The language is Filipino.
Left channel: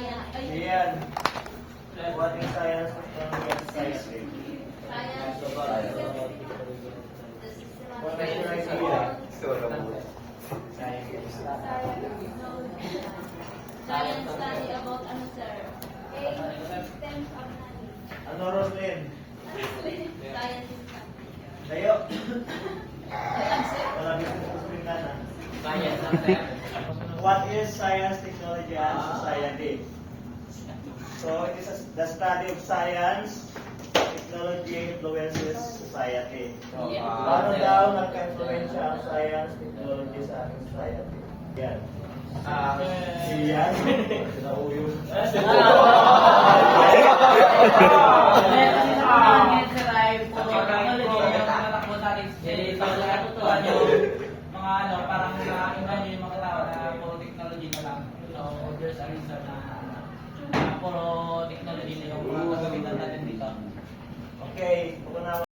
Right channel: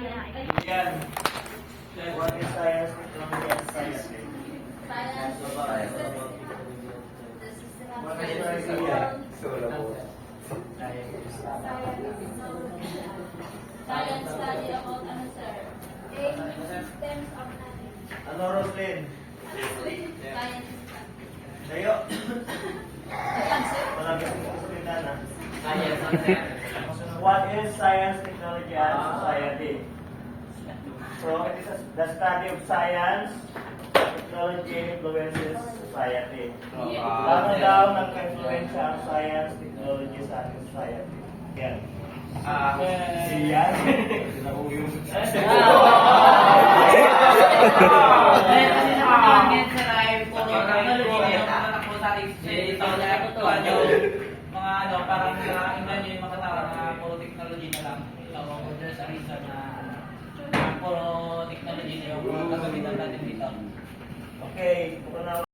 Science. Yan. What is science, technology, and science? Science. What is your idea? Science study about ano, sir? Systems of knowledge. Ano, Roslyn? Science. Tayo? Science, sir. Walang gusto na na. What is science, technology, and society? So, it is the study of science, technology influences society. Ano daw nag-influensya ang science, technology sa ating society? Yan. Yan. Mga ano, parang ingnan yung mga tao na puro technology na lang. So, there's a reason na puro technology na yung gagamitan natin dito. Okay, ito na